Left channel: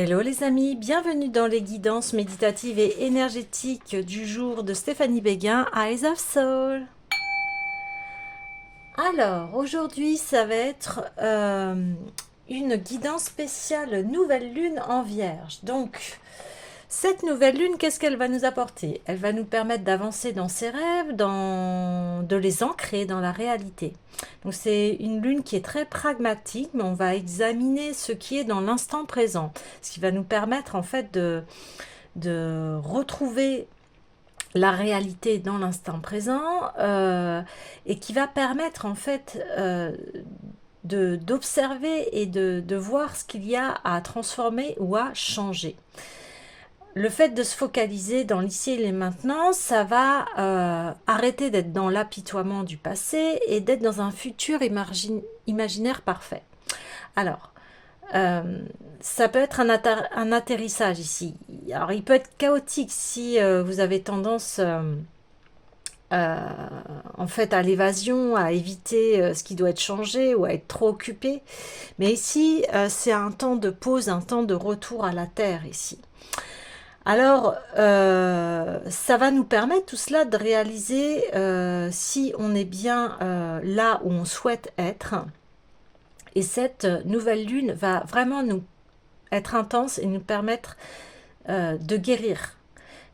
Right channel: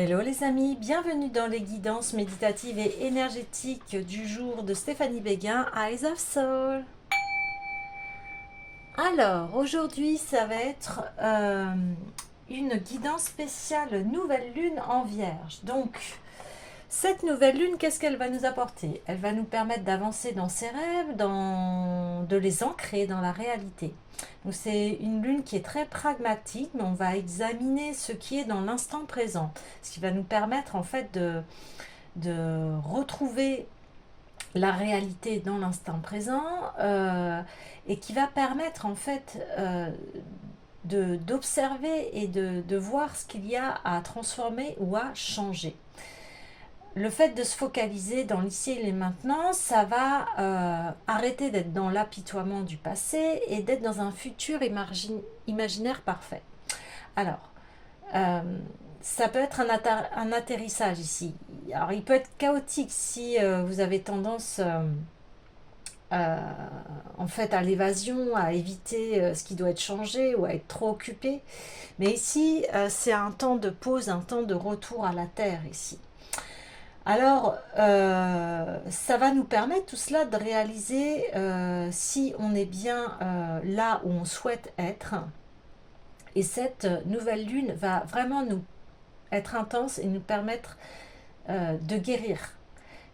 Hello les amis, bienvenue dans les guidances méditatives et énergétiques du jour de Stéphanie Béguin, Eyes of Soul. Alors, aujourd'hui, ça va être une guidance spéciale nouvelle lune en Vierge. Donc, cette nouvelle lune, qu'est-ce qu'elle va nous apporter? Elle va nous permettre d'avancer dans ses rêves, de les ancrer dans la réalité. Donc c'est une lune qui est très pragmatique, mais on va examiner ce qui est dans l'instant présent, ce qui va nous permettre en fait de retrouver la réalité dans l'instant présent et qui va permettre en fait d'observer et de voir ce qu'il y a à transformer ou à changer. Le fait de se focaliser dans l'ici et les maintenant, ça va arrêter d'être dans l'apitoiement du passé et d'être dans un futur imaginaire parfait. Alors, euh, ça peut être un atterrissage ici. Alors, il peut être chaotique si vous avez tendance euh, en fait à l'évasion, à éviter ce qui doit être changé ou à être trop occupé. Mais ici, c'est un temps de pause, un temps de retour à la terre ici. Alors, ça va nous permettre tout cela de réaliser si on est bien là où on souhaite être. Et cette nouvelle lune va vraiment nous être intense et nous permettre de guérir.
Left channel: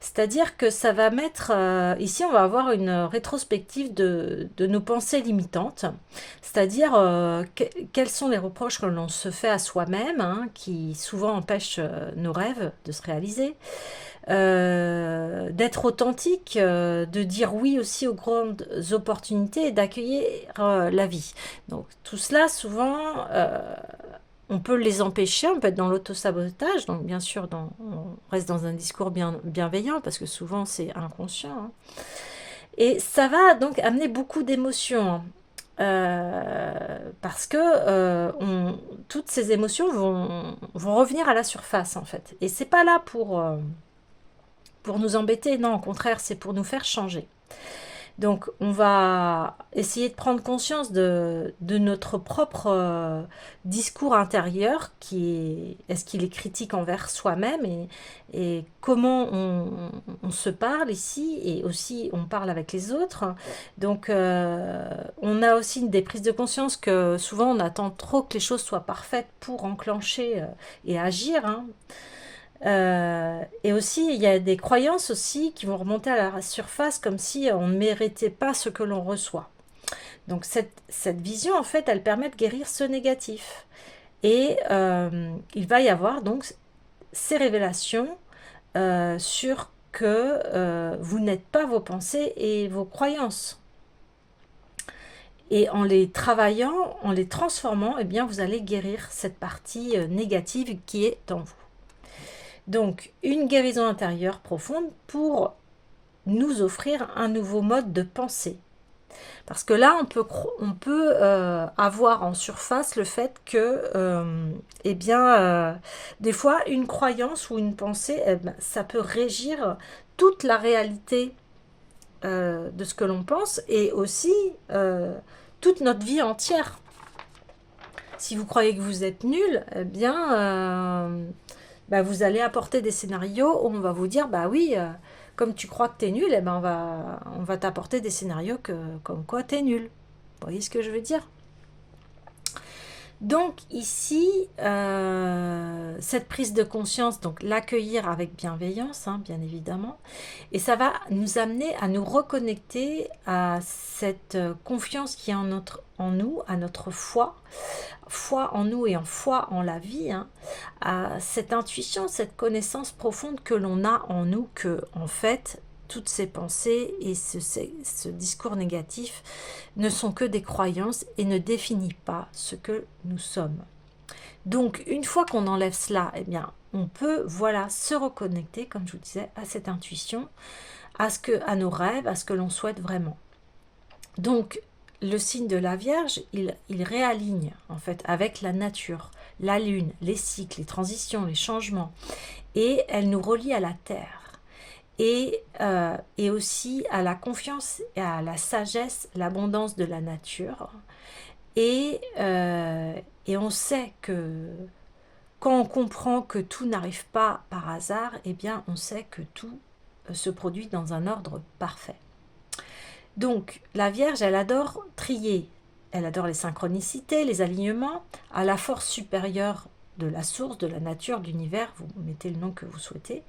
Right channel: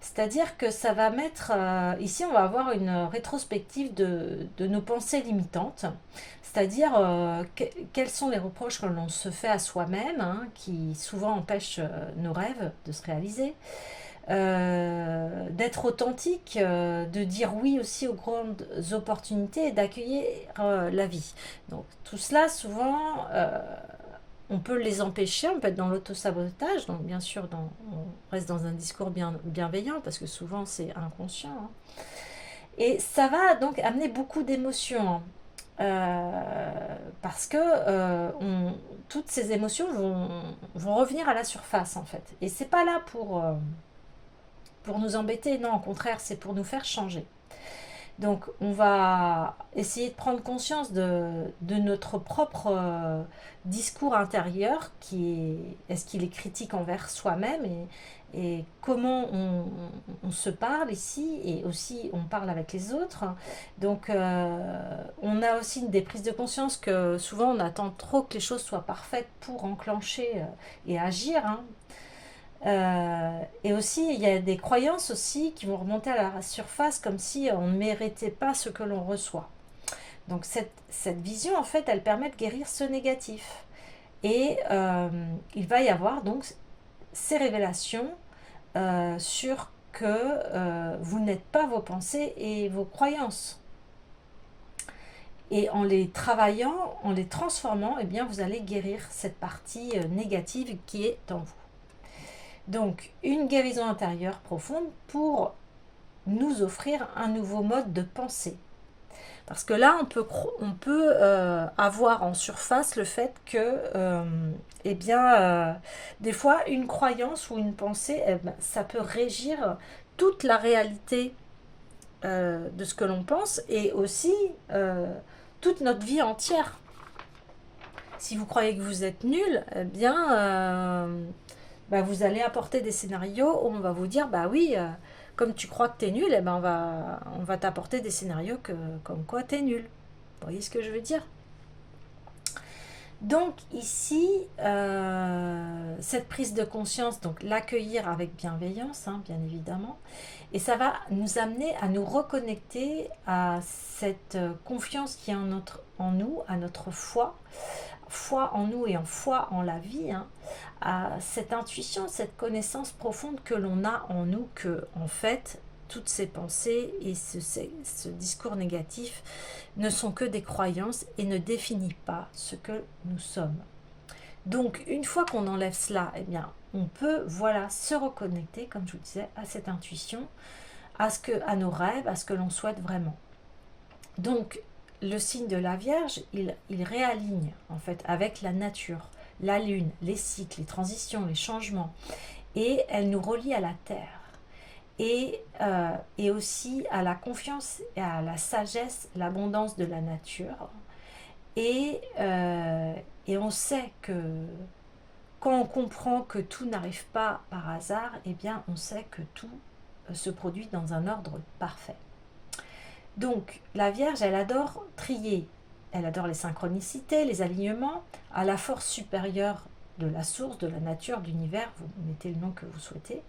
C'est-à-dire que ça va mettre, ici on va avoir une rétrospective de nos pensées limitantes, c'est-à-dire quels sont les reproches que l'on se fait à soi-même, hein, qui souvent empêchent nos rêves de se réaliser, d'être authentique, de dire oui aussi aux grandes opportunités et d'accueillir la vie. Donc tout cela, souvent, on peut les empêcher, on peut être dans l'autosabotage, donc bien sûr, on reste dans un discours bienveillant, parce que souvent c'est inconscient. Hein. Et ça va donc amener beaucoup d'émotions. Hein. Parce que toutes ces émotions vont revenir à la surface en fait. Et c'est pas là pour nous embêter, non, au contraire, c'est pour nous faire changer. Donc, on va essayer de prendre conscience de notre propre discours intérieur, est-ce qu'il est critique envers soi-même et comment on se parle ici et aussi on parle avec les autres. Donc, on a aussi des prises de conscience que souvent on attend trop que les choses soient parfaites pour enclencher et agir. Hein. Et aussi, il y a des croyances aussi qui vont remonter à la surface comme si on ne méritait pas ce que l'on reçoit. Donc cette vision, en fait, elle permet de guérir ce négatif. Et il va y avoir donc ces révélations sur que vous n'êtes pas vos pensées et vos croyances. Et en les travaillant, en les transformant, eh bien, vous allez guérir cette partie négative qui est en vous. Donc, une guérison intérieure profonde pour nous offrir un nouveau mode de pensée. Parce que là, on peut avoir en surface le fait que, eh bien, des fois, une croyance ou une pensée, eh ben, ça peut régir toute la réalité de ce que l'on pense et aussi toute notre vie entière. Si vous croyez que vous êtes nul, eh bien, bah, vous allez apporter des scénarios où on va vous dire, bah oui, comme tu crois que tu es nul, eh ben on va t'apporter des scénarios comme quoi tu es nul. Vous voyez ce que je veux dire? Donc ici, cette prise de conscience, donc l'accueillir avec bienveillance, hein, bien évidemment, et ça va nous amener à nous reconnecter à cette confiance qui est en nous, à notre foi en nous et en foi en la vie, hein, à cette intuition, cette connaissance profonde que l'on a en nous, que en fait, toutes ces pensées et ce discours négatif ne sont que des croyances et ne définissent pas ce que nous sommes. Donc, une fois qu'on enlève cela, eh bien, on peut, voilà, se reconnecter, comme je vous disais, à cette intuition, à nos rêves, à ce que l'on souhaite vraiment. Donc, le signe de la Vierge, il réaligne en fait avec la nature, la lune, les cycles, les transitions, les changements, et elle nous relie à la terre. Et aussi à la confiance et à la sagesse, l'abondance de la nature. Et, et on sait quand on comprend que tout n'arrive pas par hasard, eh bien on sait que tout se produit dans un ordre parfait. Donc la Vierge, elle adore trier, elle adore les synchronicités, les alignements, à la force supérieure de la source, de la nature, de l'univers, vous mettez le nom que vous souhaitez.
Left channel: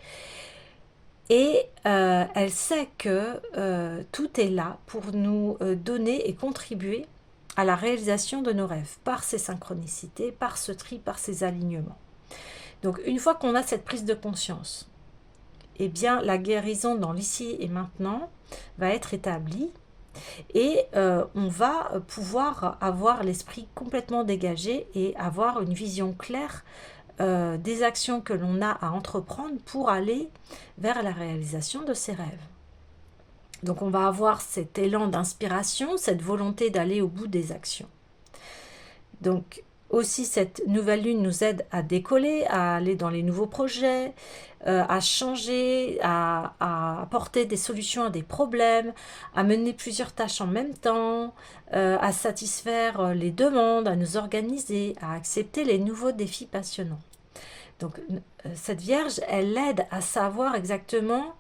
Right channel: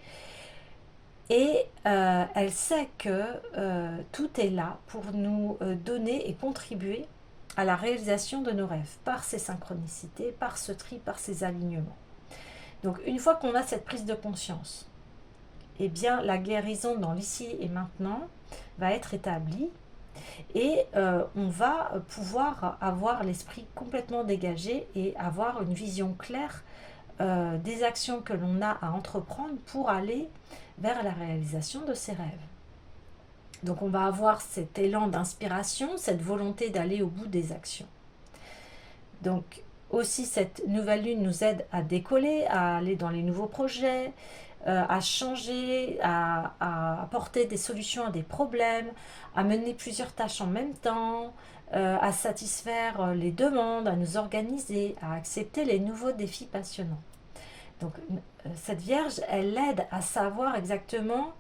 Et elle sait que tout est là pour nous donner et contribuer à la réalisation de nos rêves, par ces synchronicités, par ce tri, par ces alignements. Donc une fois qu'on a cette prise de conscience, eh bien la guérison dans l'ici et maintenant va être établie et on va pouvoir avoir l'esprit complètement dégagé et avoir une vision claire des actions que l'on a à entreprendre pour aller vers la réalisation de ses rêves. Donc on va avoir cet élan d'inspiration, cette volonté d'aller au bout des actions. Donc aussi cette nouvelle lune nous aide à décoller, à aller dans les nouveaux projets, à changer, à apporter des solutions à des problèmes, à mener plusieurs tâches en même temps, à satisfaire les demandes, à nous organiser, à accepter les nouveaux défis passionnants. Donc cette Vierge, elle aide à savoir exactement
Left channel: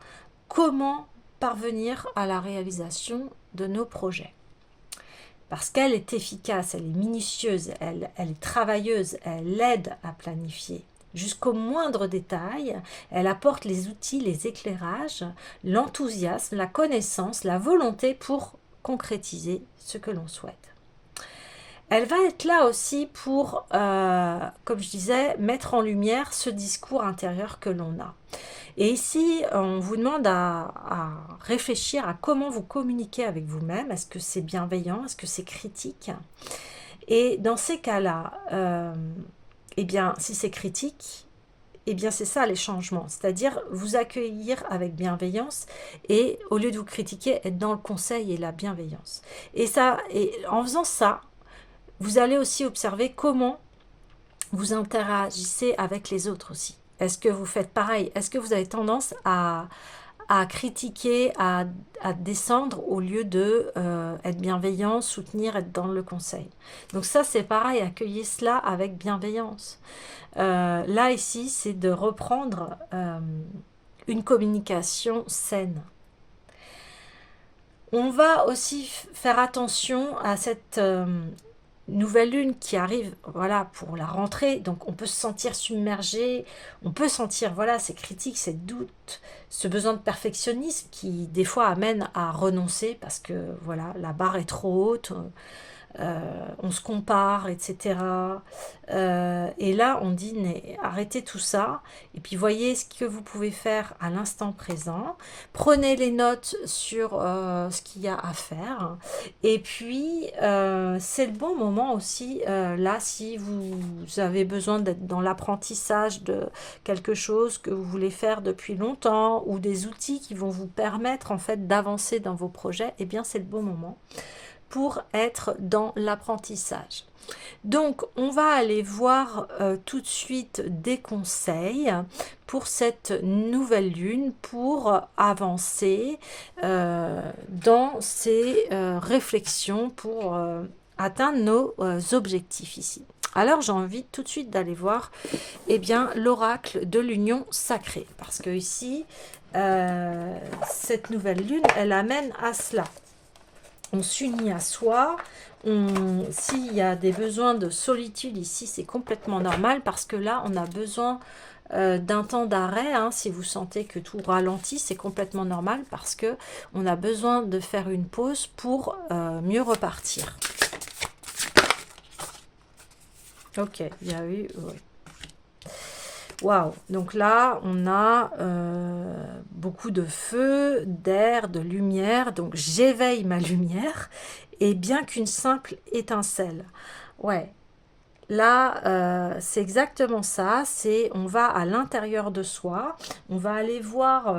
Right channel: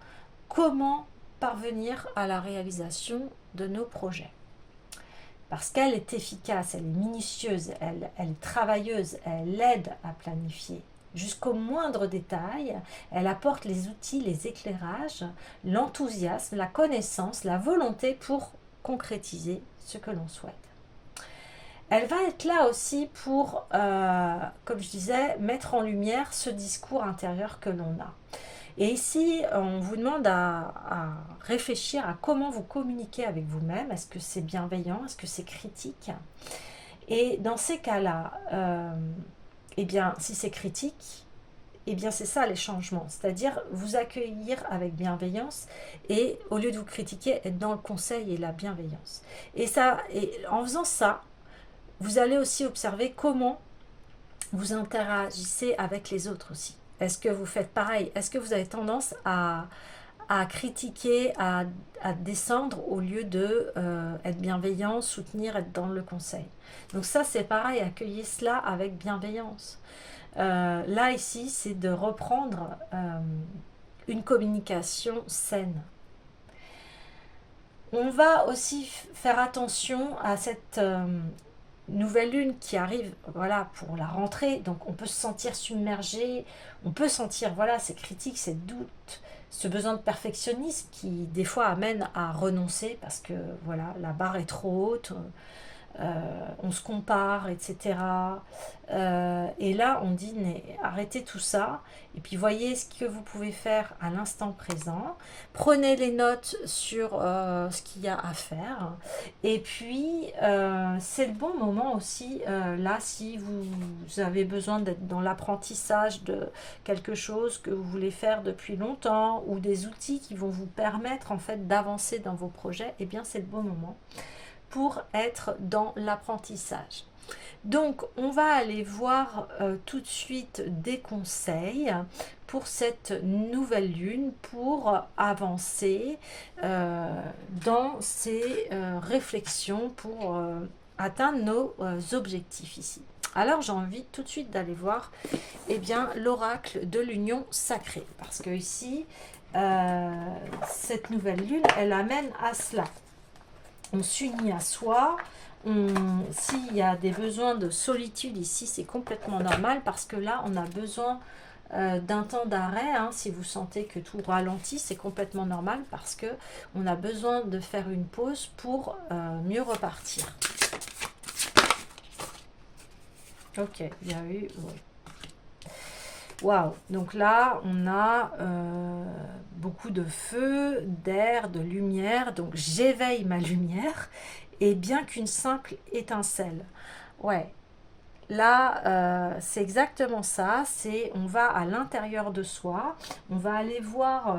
comment parvenir à la réalisation de nos projets. Parce qu'elle est efficace, elle est minutieuse, elle est travailleuse, elle aide à planifier. Jusqu'au moindre détail, elle apporte les outils, les éclairages, l'enthousiasme, la connaissance, la volonté pour concrétiser ce que l'on souhaite. Elle va être là aussi pour, comme je disais, mettre en lumière ce discours intérieur que l'on a. Et ici, on vous demande à réfléchir à comment vous communiquez avec vous-même. Est-ce que c'est bienveillant? Est-ce que c'est critique? Et dans ces cas-là, eh bien, si c'est critique, eh bien, c'est ça les changements. C'est-à-dire vous accueillir avec bienveillance et au lieu de vous critiquer, être dans le conseil et la bienveillance. Et en faisant ça, vous allez aussi observer comment vous interagissez avec les autres aussi. Est-ce que vous faites pareil? Est-ce que vous avez tendance à critiquer, à descendre au lieu de être bienveillant, soutenir, être dans le conseil? Donc ça, c'est pareil, accueillez cela avec bienveillance. Là, ici, c'est de reprendre une communication saine. On va aussi faire attention à cette nouvelle lune qui arrive, voilà, pour la rentrée. Donc on peut se sentir submergé, on peut sentir, voilà, ces critiques, ces doutes, ce besoin de perfectionnisme qui des fois amène à renoncer parce que voilà, la barre est trop haute, on se compare, etc. Et là, on dit, arrêtez tout ça, et puis voyez ce que vous pouvez faire à l'instant présent. Prenez les notes sur ce qu'il y a à faire. Et puis, c'est le bon moment aussi, là, si vous avez besoin d'être dans l'apprentissage de quelque chose que vous voulez faire depuis longtemps, ou des outils qui vont vous permettre, en fait, d'avancer dans vos projets, eh bien, c'est le bon moment pour être dans l'apprentissage. Donc, on va aller voir tout de suite des conseils pour cette nouvelle lune pour avancer dans ces réflexions pour atteindre nos objectifs ici. Alors, j'ai envie tout de suite d'aller voir l'oracle de l'union sacrée parce que ici, cette nouvelle lune, elle amène à cela. On s'unit à soi. S'il y a des besoins de solitude ici, c'est complètement normal parce que là, on a besoin d'un temps d'arrêt. Si vous sentez que tout ralentit, c'est complètement normal parce que on a besoin de faire une pause pour mieux repartir. Ok, il y a eu... Ouais. Waouh, donc là, on a beaucoup de feu, d'air, de lumière. Donc, j'éveille ma lumière et bien qu'une simple étincelle. Ouais, là, c'est exactement ça. On va à l'intérieur de soi. On va aller voir,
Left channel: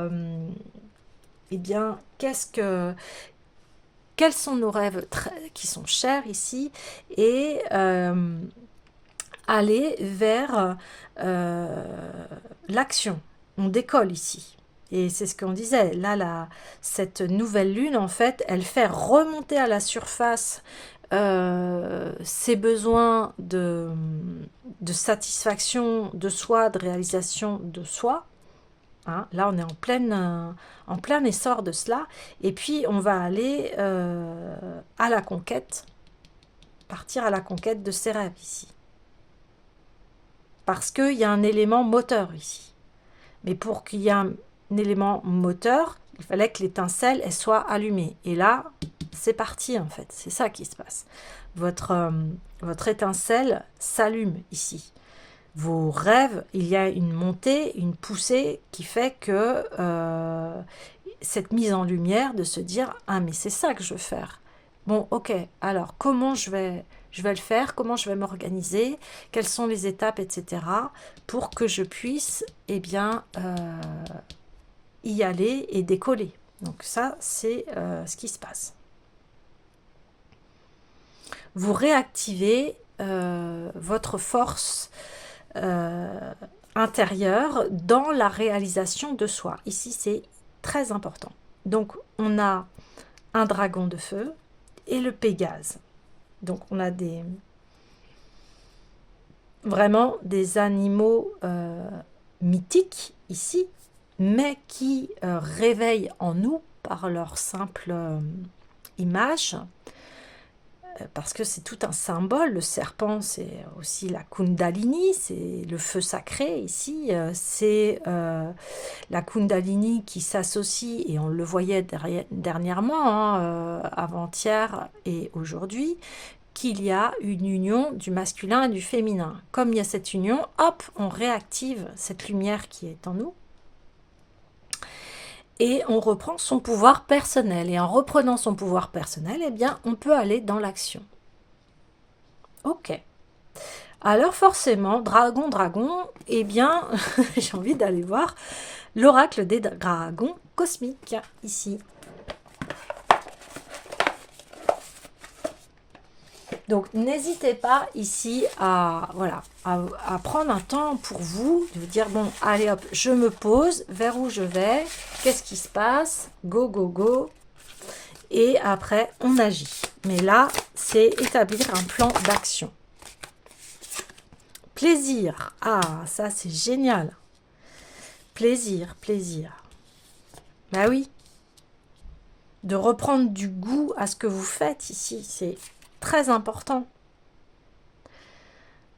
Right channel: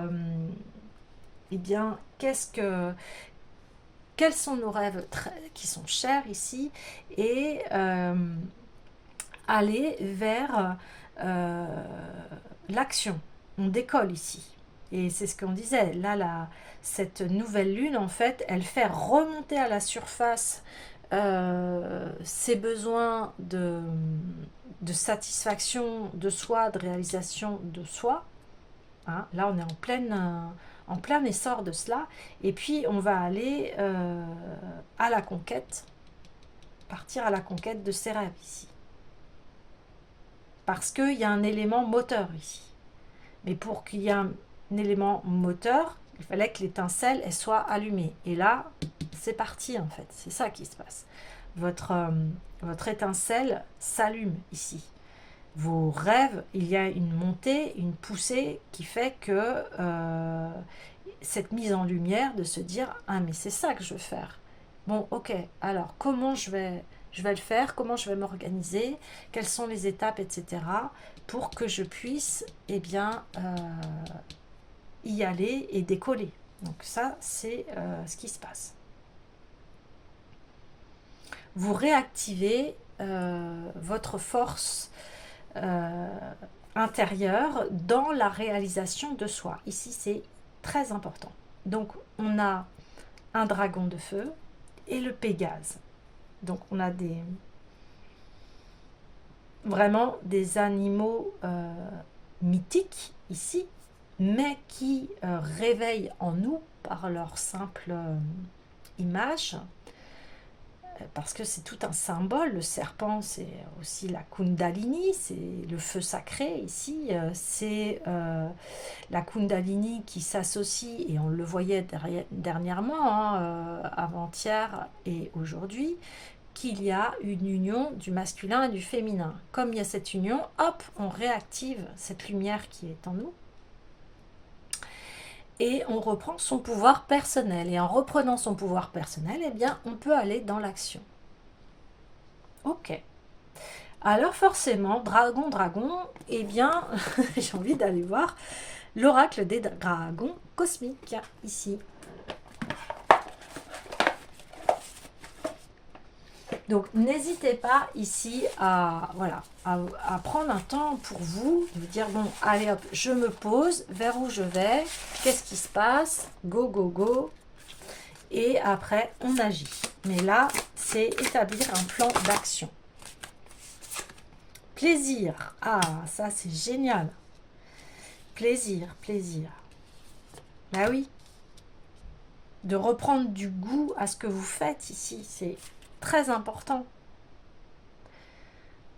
quels sont nos rêves qui sont chers ici et aller vers l'action. On décolle ici. Et c'est ce qu'on disait. Là, cette nouvelle lune, en fait, elle fait remonter à la surface ces besoins de de satisfaction de soi, de réalisation de soi. Hein, là, on est en plein essor de cela. Et puis, on va aller à la conquête, partir à la conquête de ses rêves ici. Parce qu'il y a un élément moteur ici. Mais pour qu'il y ait un élément moteur, il fallait que l'étincelle elle soit allumée. Et là, c'est parti en fait. C'est ça qui se passe. Votre étincelle s'allume ici. Vos rêves, il y a une montée, une poussée qui fait que cette mise en lumière de se dire « Ah, mais c'est ça que je veux faire. Bon, ok, alors comment je vais le faire, comment je vais m'organiser, quelles sont les étapes, etc. pour que je puisse eh bien, y aller et décoller. » Donc ça, c'est ce qui se passe. Vous réactivez votre force intérieure dans la réalisation de soi. Ici, c'est très important. Donc, on a un dragon de feu et le Pégase. Donc, on a vraiment des animaux mythiques ici, mais qui réveillent en nous par leur simple image, parce que c'est tout un symbole. Le serpent, c'est aussi la Kundalini, c'est le feu sacré ici, c'est la Kundalini qui s'associe, et on le voyait dernièrement, hein, avant-hier et aujourd'hui, qu'il y a une union du masculin et du féminin. Comme il y a cette union, hop, on réactive cette lumière qui est en nous, et on reprend son pouvoir personnel. Et en reprenant son pouvoir personnel, eh bien, on peut aller dans l'action. Ok. Alors forcément, dragon, eh bien, j'ai envie d'aller voir l'oracle des dragons cosmiques, ici. Donc, n'hésitez pas ici à prendre un temps pour vous, de vous dire, bon, allez hop, je me pose, vers où je vais, qu'est-ce qui se passe, go, go, go, et après, on agit. Mais là, c'est établir un plan d'action. Plaisir, ah, ça c'est génial. Plaisir. Bah oui. De reprendre du goût à ce que vous faites ici, c'est très important.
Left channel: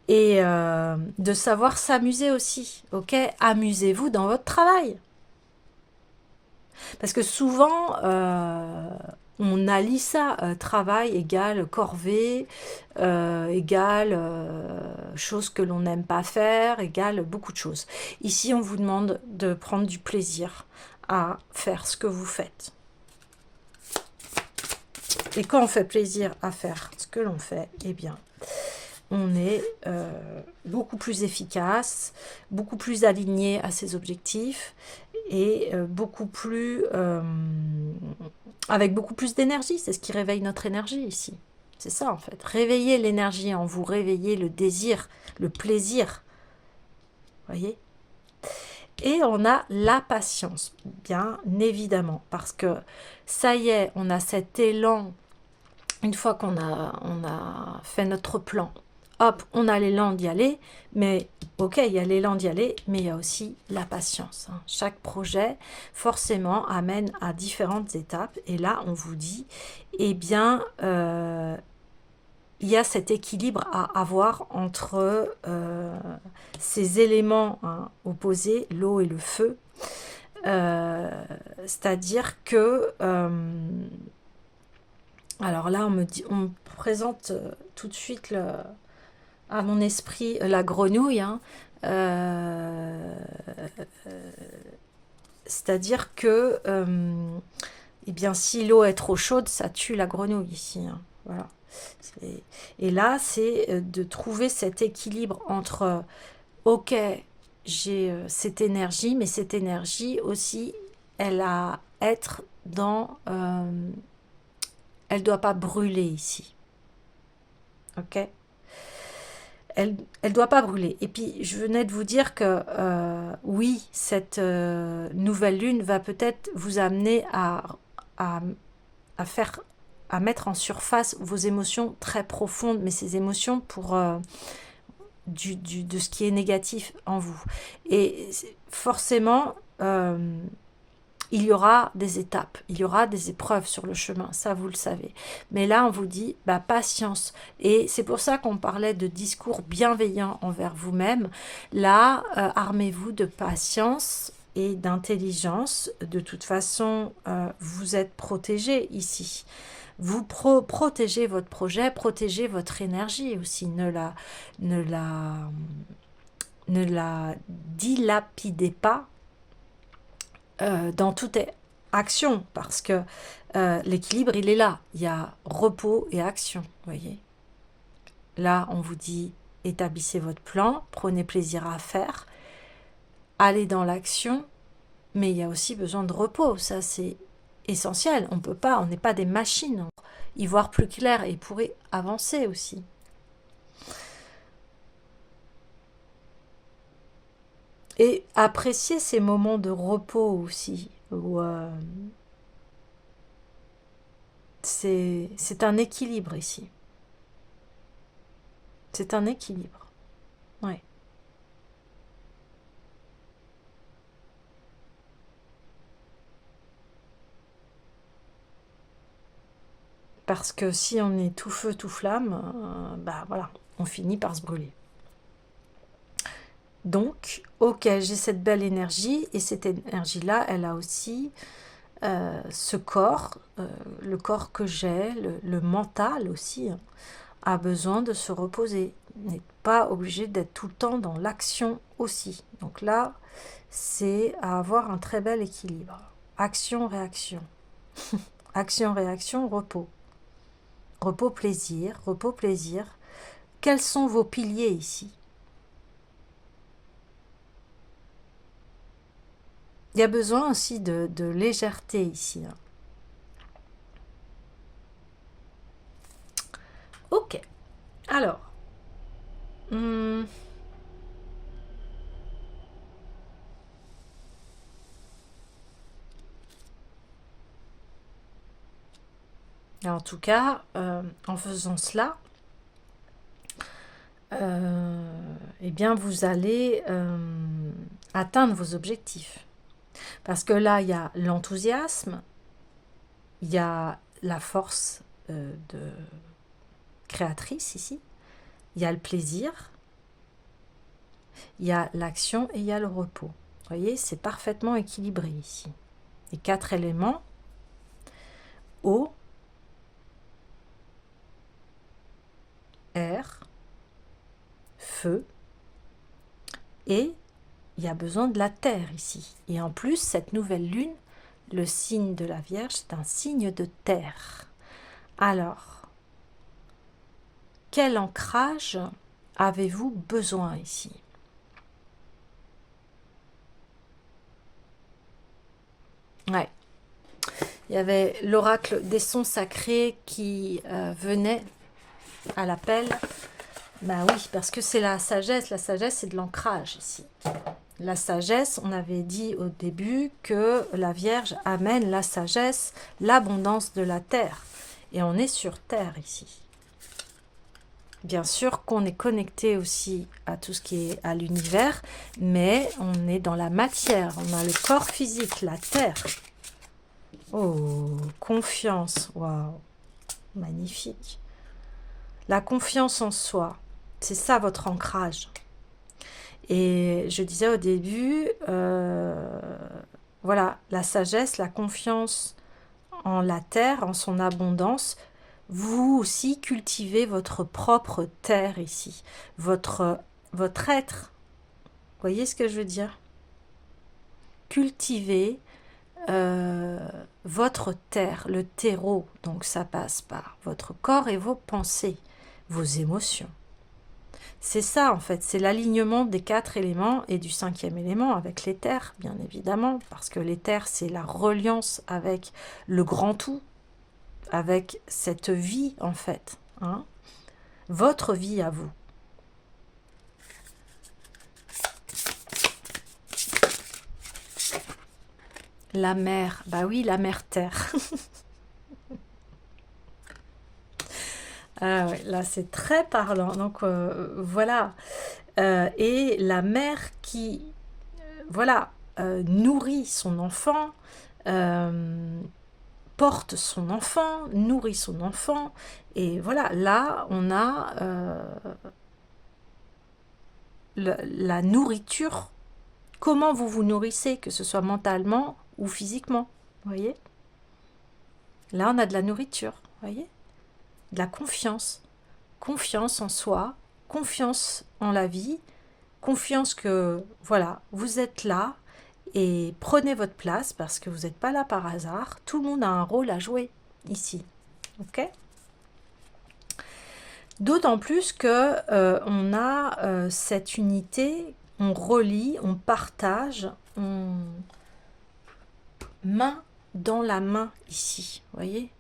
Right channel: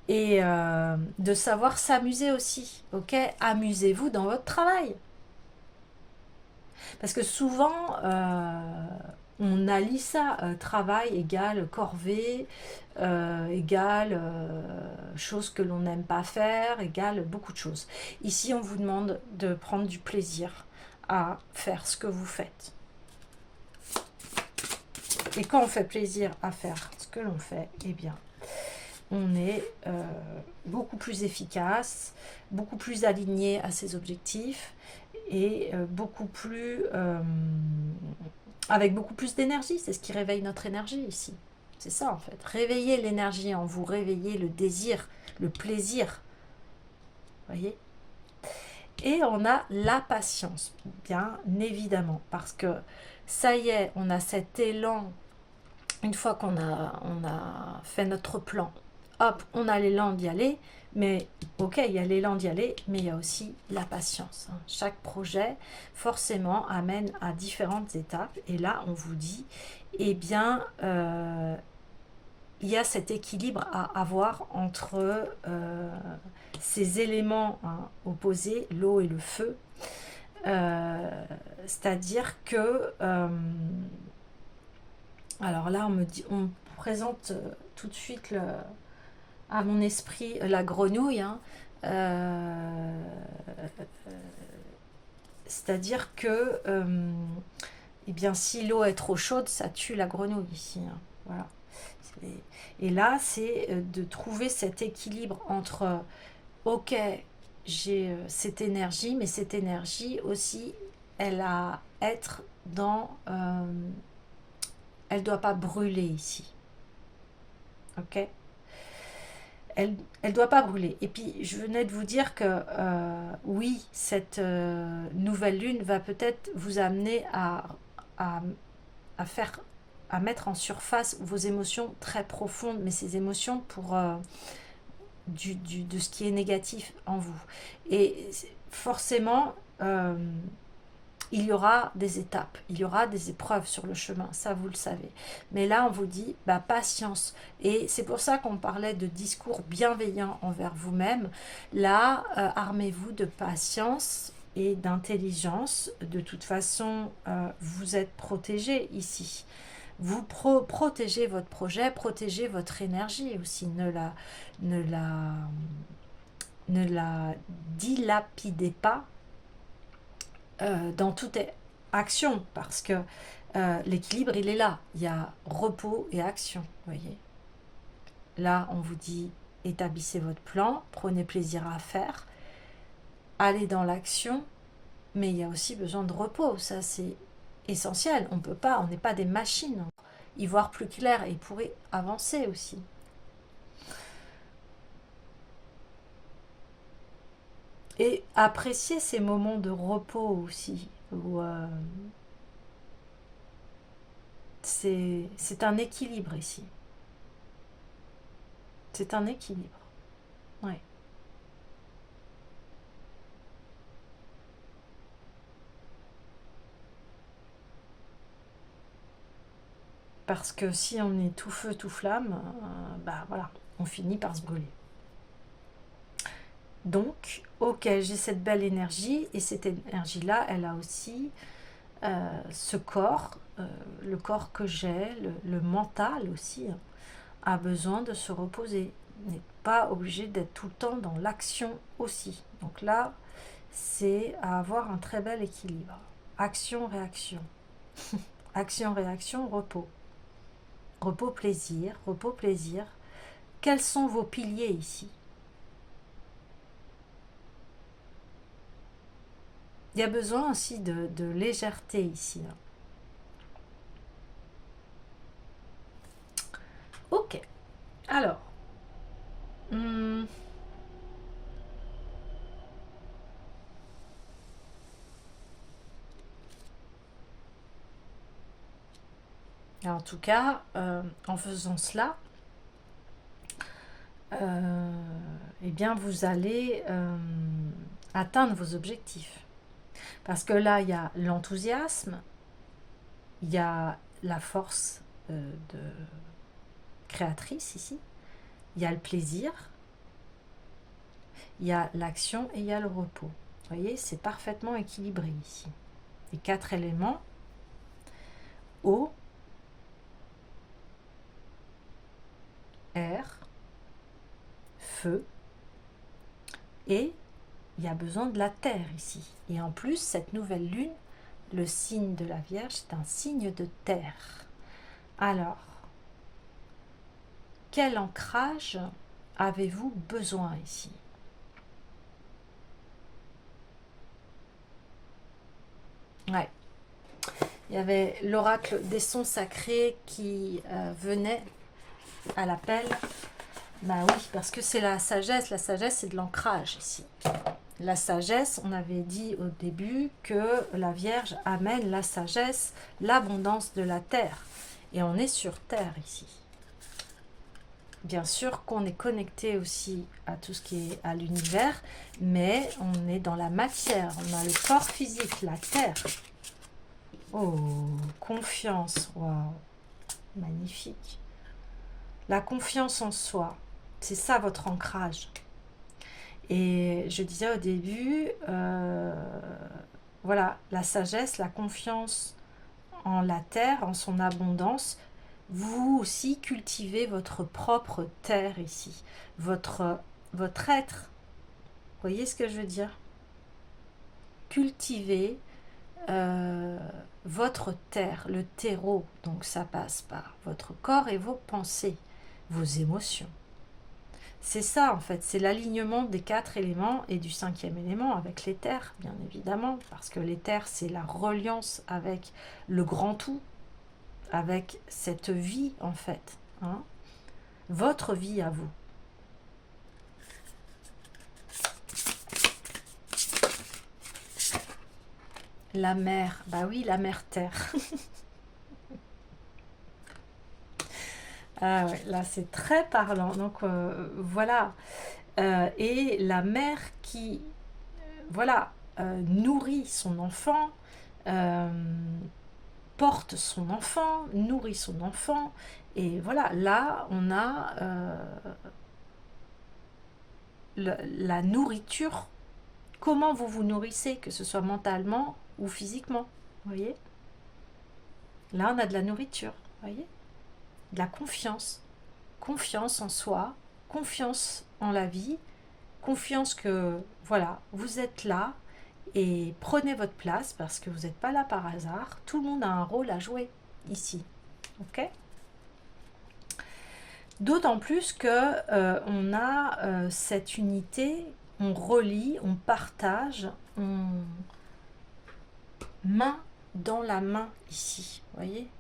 Et de savoir s'amuser aussi, ok? Amusez-vous dans votre travail. Parce que souvent, on allie ça, travail égale corvée, égale chose que l'on n'aime pas faire, égale beaucoup de choses. Ici, on vous demande de prendre du plaisir à faire ce que vous faites. Et quand on fait plaisir à faire ce que l'on fait, eh bien, on est beaucoup plus efficace, beaucoup plus aligné à ses objectifs et beaucoup plus avec beaucoup plus d'énergie. C'est ce qui réveille notre énergie ici. C'est ça en fait. Réveillez l'énergie en vous, réveillez le désir, le plaisir. Voyez? Et on a la patience, bien évidemment, parce que ça y est, on a cet élan. Une fois qu'on a fait notre plan, hop, on a l'élan d'y aller, mais ok, il y a l'élan d'y aller, mais il y a aussi la patience. Hein. Chaque projet, forcément, amène à différentes étapes, et là, on vous dit, eh bien, il y a cet équilibre à avoir entre ces éléments hein, opposés, l'eau et le feu, c'est-à-dire que... alors là, on me présente tout de suite à mon esprit la grenouille. Hein. C'est-à-dire que eh bien, si l'eau est trop chaude, ça tue la grenouille ici. Hein. Voilà. Et là, c'est de trouver cet équilibre entre ok, j'ai cette énergie, mais cette énergie aussi, elle a à être dans... elle ne doit pas brûler ici. Ok? Elle ne doit pas brûler. Et puis, je venais de vous dire que oui, cette nouvelle lune va peut-être vous amener à mettre en surface vos émotions très profondes, mais ces émotions de ce qui est négatif en vous. Et forcément, il y aura des étapes, il y aura des épreuves sur le chemin, ça vous le savez. Mais là, on vous dit, bah, patience. Et c'est pour ça qu'on parlait de discours bienveillants envers vous-même. Là, armez-vous de patience et d'intelligence. De toute façon, vous êtes protégé ici. Vous protégez votre projet, protégez votre énergie aussi. Ne la, ne la dilapidez pas dans toute action, parce que l'équilibre, il est là. Il y a repos et action, voyez. Là, on vous dit, établissez votre plan, prenez plaisir à faire, allez dans l'action, mais il y a aussi besoin de repos, ça c'est essentiel. On peut pas, on n'est pas des machines. Y voir plus clair et pourrait avancer aussi. Et apprécier ces moments de repos aussi, où c'est un équilibre ici. C'est un équilibre. Ouais. Parce que si on est tout feu, tout flamme, bah voilà, on finit par se brûler. Donc, ok, j'ai cette belle énergie, et cette énergie-là, elle a aussi ce corps, le corps que j'ai, le mental aussi, hein, a besoin de se reposer. N'est pas obligé d'être tout le temps dans l'action aussi. Donc là, c'est à avoir un très bel équilibre. Action-réaction. Action-réaction, repos. Repos-plaisir, repos-plaisir. Quels sont vos piliers ici? Il y a besoin aussi de légèreté ici. Hein. Ok. Alors. En tout cas, en faisant cela, eh bien, vous allez atteindre vos objectifs. Parce que là, il y a l'enthousiasme, il y a la force de créatrice ici, il y a le plaisir, il y a l'action et il y a le repos. Vous voyez, c'est parfaitement équilibré ici. Les 4 éléments, eau, air, feu, et il y a besoin de la terre ici. Et en plus, cette nouvelle lune, le signe de la Vierge, c'est un signe de terre. Alors, quel ancrage avez-vous besoin ici? Ouais. Il y avait l'oracle des sons sacrés qui venait à l'appel. Bah oui, parce que c'est la sagesse. La sagesse, c'est de l'ancrage ici. La sagesse, on avait dit au début que la Vierge amène la sagesse, l'abondance de la terre. Et on est sur terre ici. Bien sûr qu'on est connecté aussi à tout ce qui est à l'univers, mais on est dans la matière. On a le corps physique, la terre. Oh, confiance. Waouh, magnifique. La confiance en soi, c'est ça votre ancrage. Et je disais au début, voilà, la sagesse, la confiance en la terre, en son abondance. Vous aussi cultivez votre propre terre ici, votre être. Vous voyez ce que je veux dire? Cultivez votre terre, le terreau. Donc ça passe par votre corps et vos pensées, vos émotions. C'est ça en fait, c'est l'alignement des 4 éléments et du 5e élément avec l'éther, bien évidemment, parce que l'éther c'est la reliance avec le grand tout, avec cette vie en fait, hein, votre vie à vous. La mer, bah oui, la mer terre. Ah ouais, là, c'est très parlant. Donc, voilà. Et la mère qui, voilà, nourrit son enfant, euh, porte son enfant, nourrit son enfant. Et voilà, là, on a la nourriture. Comment vous vous nourrissez, que ce soit mentalement ou physiquement. Vous voyez? Là, on a de la nourriture. Vous voyez? De la confiance. Confiance en soi, confiance en la vie, confiance que, voilà, vous êtes là et prenez votre place parce que vous n'êtes pas là par hasard. Tout le monde a un rôle à jouer ici. Ok? D'autant plus que on a cette unité, on relie, on partage, on main dans la main ici, vous voyez?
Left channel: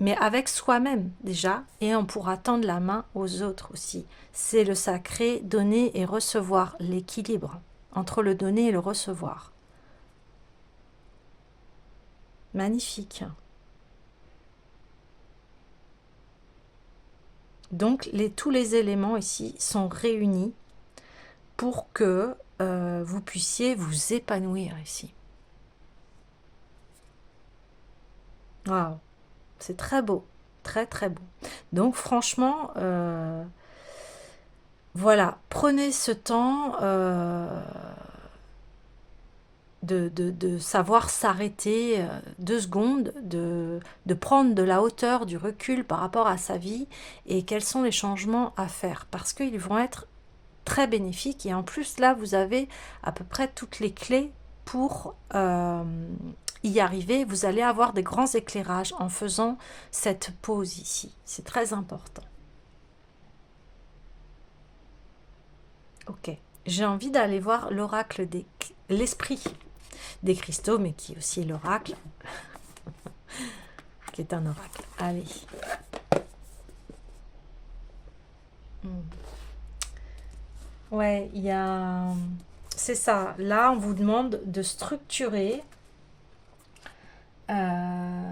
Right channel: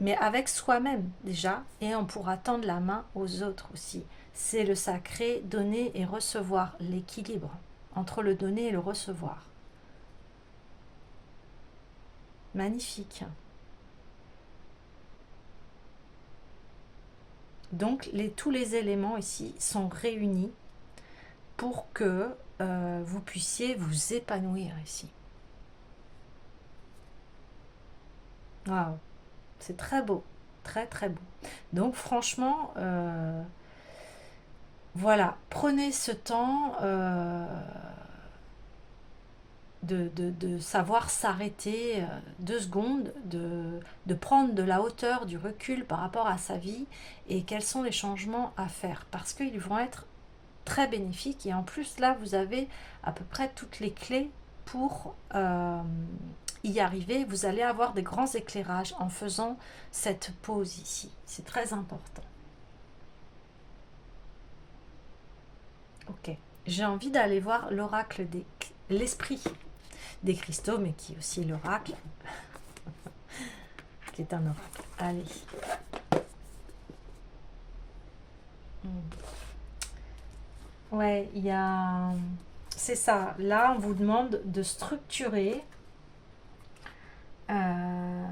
Mais avec soi-même déjà, et on pourra tendre la main aux autres aussi. C'est le sacré donner et recevoir, l'équilibre entre le donner et le recevoir. Magnifique. Donc tous les éléments ici sont réunis pour que vous puissiez vous épanouir ici. Waouh, c'est très beau, très très beau. Donc franchement, voilà, prenez ce temps de savoir s'arrêter 2 secondes, de prendre de la hauteur, du recul par rapport à sa vie et quels sont les changements à faire parce qu'ils vont être très bénéfiques et en plus là vous avez à peu près toutes les clés pour y arriver. Vous allez avoir des grands éclairages en faisant cette pause ici, c'est très important. Ok, j'ai envie d'aller voir l'oracle l'esprit des cristaux, mais qui est aussi l'oracle, qui est un oracle. Allez. Ouais, il y a... C'est ça. Là, on vous demande de structurer, euh,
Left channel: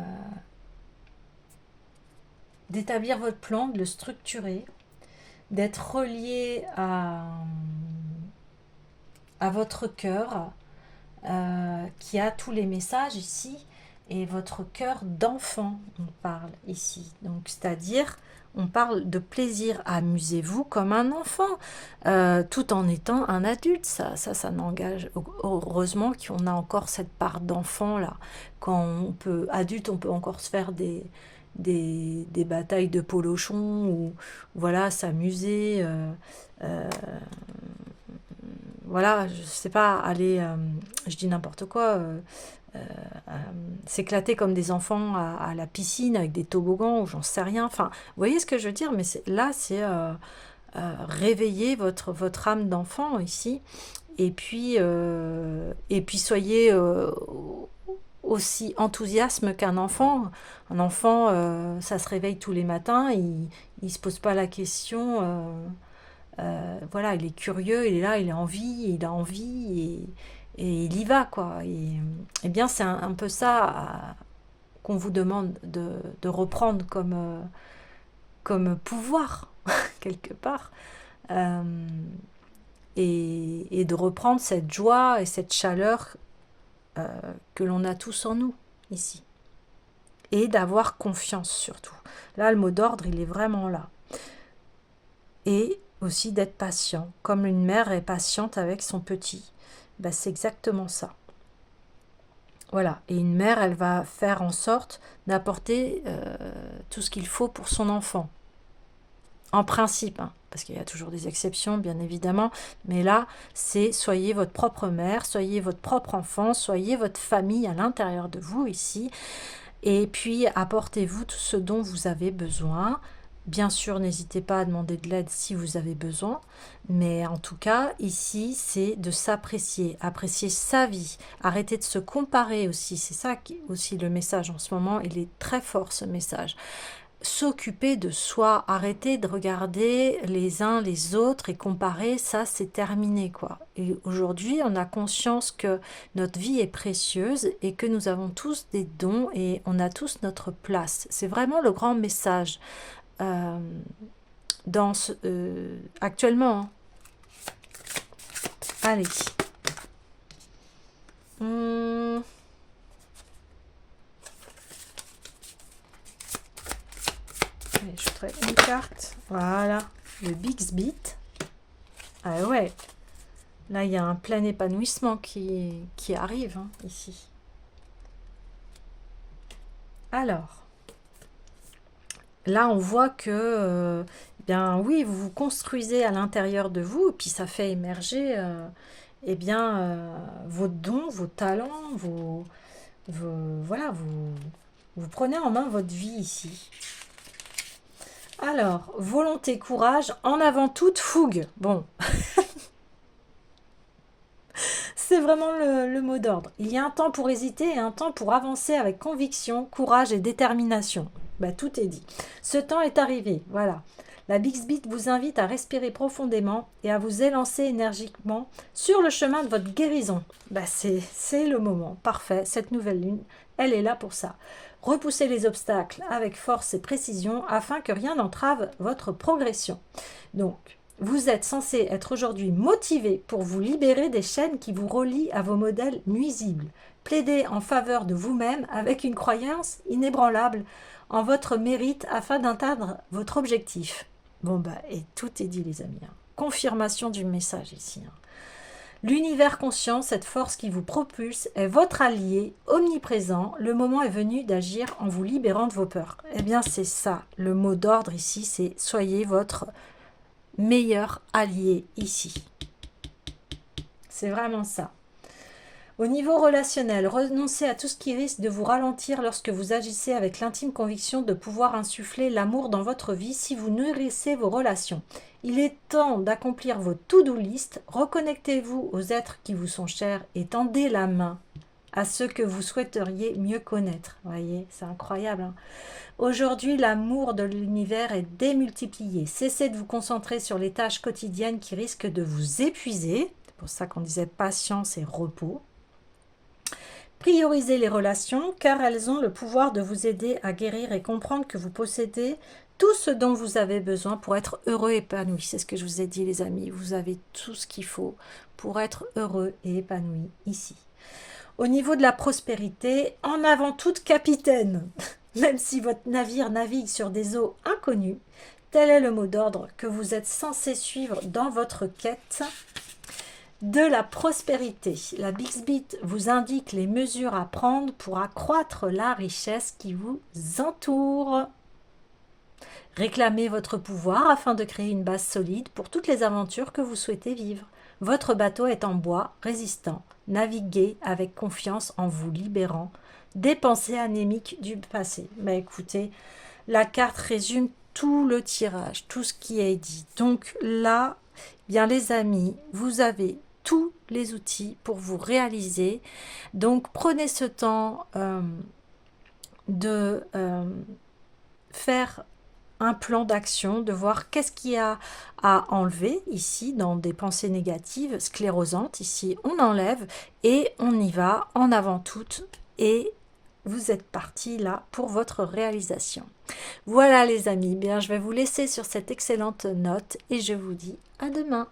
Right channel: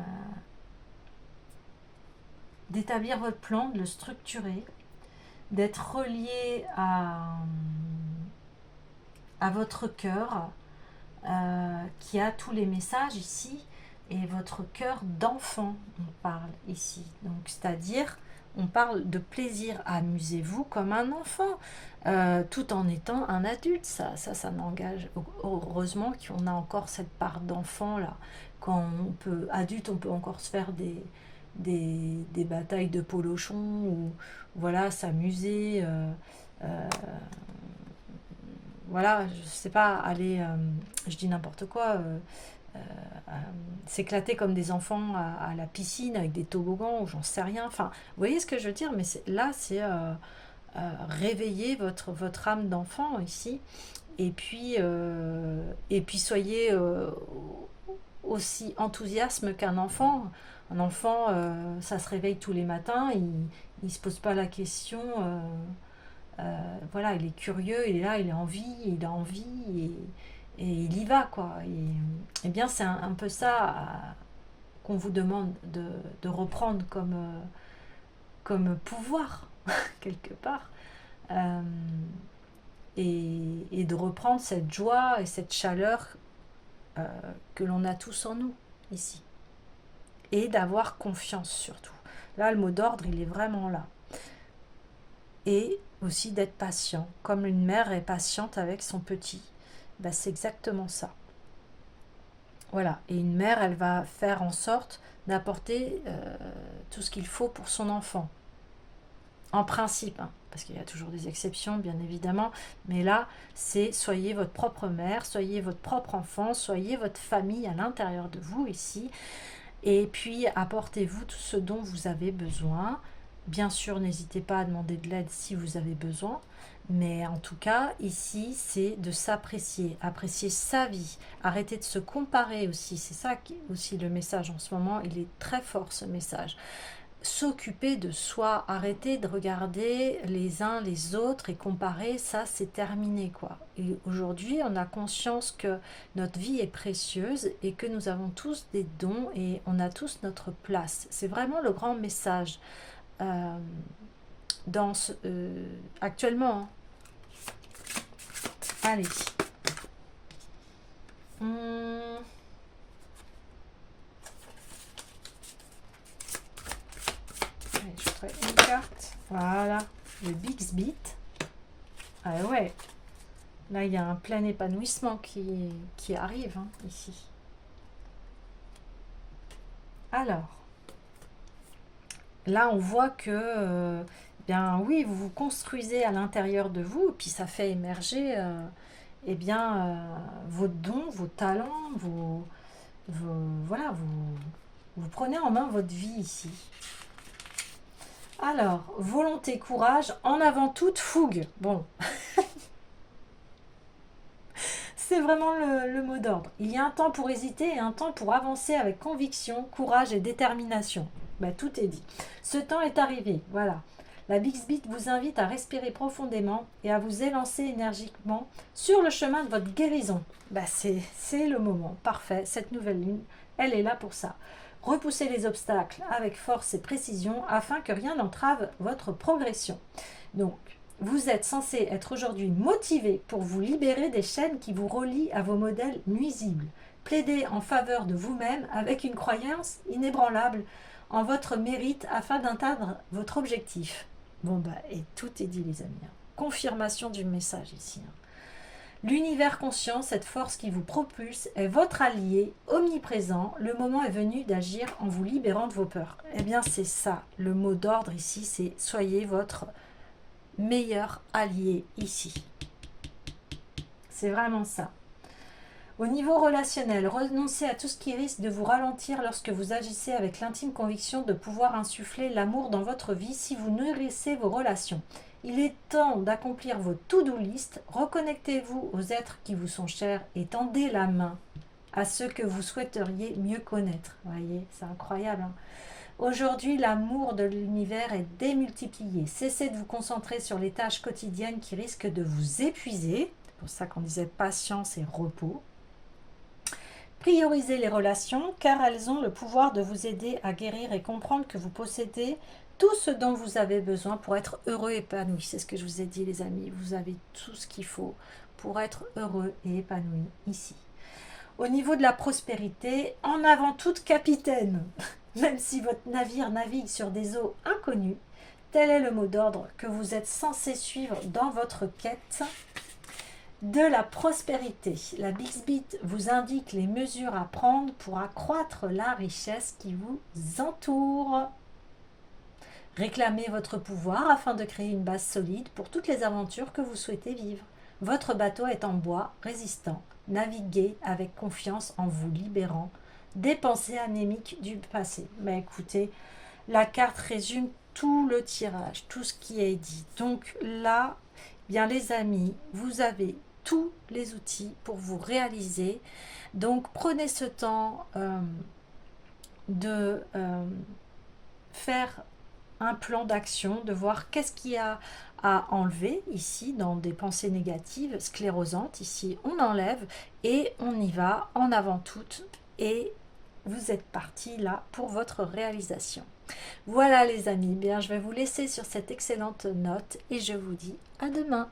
d'établir votre plan, de le structurer, d'être relié à votre cœur, qui a tous les messages ici, et votre cœur d'enfant, on parle ici. Donc, c'est-à-dire, on parle de plaisir. Amusez-vous comme un enfant, tout en étant un adulte. Ça n'engage. Heureusement qu'on a encore cette part d'enfant là. Quand on peut, adulte, on peut encore se faire des batailles de polochon ou voilà, s'amuser. Voilà, je sais pas, aller, je dis n'importe quoi, euh, euh, s'éclater comme des enfants à la piscine avec des toboggans ou j'en sais rien. Enfin, vous voyez ce que je veux dire, mais là, c'est réveiller votre âme d'enfant ici. Et puis soyez aussi enthousiasme qu'un enfant. Un enfant, ça se réveille tous les matins, il se pose pas la question. Voilà, il est curieux, il est là, il a envie, et il y va, quoi. Et bien, c'est un peu ça qu'on vous demande de reprendre comme pouvoir, quelque part, euh, et de reprendre cette joie et cette chaleur euh, que l'on a tous en nous, ici. Et d'avoir confiance, surtout. Là, le mot d'ordre, il est vraiment là. Et aussi d'être patient. Comme une mère est patiente avec son petit, ben c'est exactement ça. Voilà. Et une mère, elle va faire en sorte d'apporter tout ce qu'il faut pour son enfant. En principe, hein, parce qu'il y a toujours des exceptions, bien évidemment. Mais là, c'est soyez votre propre mère, soyez votre propre enfant, soyez votre famille à l'intérieur de vous ici. Et puis, apportez-vous tout ce dont vous avez besoin. Bien sûr, n'hésitez pas à demander de l'aide si vous avez besoin. Mais en tout cas, ici, c'est de s'apprécier, apprécier sa vie, arrêter de se comparer aussi. C'est ça qui est aussi le message en ce moment. Il est très fort, ce message. S'occuper de soi, arrêter de regarder les uns les autres et comparer, ça c'est terminé quoi. Et aujourd'hui, on a conscience que notre vie est précieuse et que nous avons tous des dons et on a tous notre place. C'est vraiment le grand message. dans ce, actuellement. Hein. Allez. Allez, je ferai une carte. Voilà, le Bixby. Ah ouais, là il y a un plein épanouissement qui arrive hein, ici. Alors, là on voit que, bien oui, vous vous construisez à l'intérieur de vous, et puis ça fait émerger eh bien, vos dons, vos talents, voilà, vous prenez en main votre vie ici. Alors, volonté, courage, en avant toute fougue. Bon, c'est vraiment le mot d'ordre. Il y a un temps pour hésiter et un temps pour avancer avec conviction, courage et détermination. Bah, tout est dit. Ce temps est arrivé, voilà. La Bixby vous invite à respirer profondément et à vous élancer énergiquement sur le chemin de votre guérison. Bah, c'est le moment, parfait. Cette nouvelle lune, elle est là pour ça. Repoussez les obstacles avec force et précision afin que rien n'entrave votre progression. Donc, vous êtes censé être aujourd'hui motivé pour vous libérer des chaînes qui vous relient à vos modèles nuisibles. Plaidez en faveur de vous-même avec une croyance inébranlable en votre mérite afin d'atteindre votre objectif. Bon bah, et tout est dit les amis. Hein. Confirmation du message ici. Hein. L'univers conscient, cette force qui vous propulse, est votre allié omniprésent. Le moment est venu d'agir en vous libérant de vos peurs. Eh bien c'est ça, le mot d'ordre ici, c'est soyez votre meilleur allié ici. C'est vraiment ça. Au niveau relationnel, renoncez à tout ce qui risque de vous ralentir lorsque vous agissez avec l'intime conviction de pouvoir insuffler l'amour dans votre vie si vous nourrissez vos relations. Il est temps d'accomplir vos to-do list, reconnectez-vous aux êtres qui vous sont chers et tendez la main à ceux que vous souhaiteriez mieux connaître. Vous voyez, c'est incroyable. Hein. Aujourd'hui, l'amour de l'univers est démultiplié. Cessez de vous concentrer sur les tâches quotidiennes qui risquent de vous épuiser. C'est pour ça qu'on disait patience et repos. Priorisez les relations car elles ont le pouvoir de vous aider à guérir et comprendre que vous possédez tout ce dont vous avez besoin pour être heureux et épanoui. C'est ce que je vous ai dit les amis, vous avez tout ce qu'il faut pour être heureux et épanoui ici. Au niveau de la prospérité, en avant toute capitaine, même si votre navire navigue sur des eaux inconnues, tel est le mot d'ordre que vous êtes censé suivre dans votre quête de la prospérité. La Bixby vous indique les mesures à prendre pour accroître la richesse qui vous entoure. Réclamez votre pouvoir afin de créer une base solide pour toutes les aventures que vous souhaitez vivre. Votre bateau est en bois, résistant. Naviguez avec confiance en vous libérant des pensées anémiques du passé. Mais écoutez, la carte résume tout le tirage, tout ce qui est dit. Donc là, bien les amis, vous avez tous les outils pour vous réaliser. Donc prenez ce temps de faire un plan d'action, de voir qu'est-ce qu'il y a à enlever ici dans des pensées négatives, sclérosantes. Ici, on enlève et on y va en avant toutes et vous êtes partis là pour votre réalisation. Voilà les amis, bien je vais vous laisser sur cette excellente note et je vous dis à demain.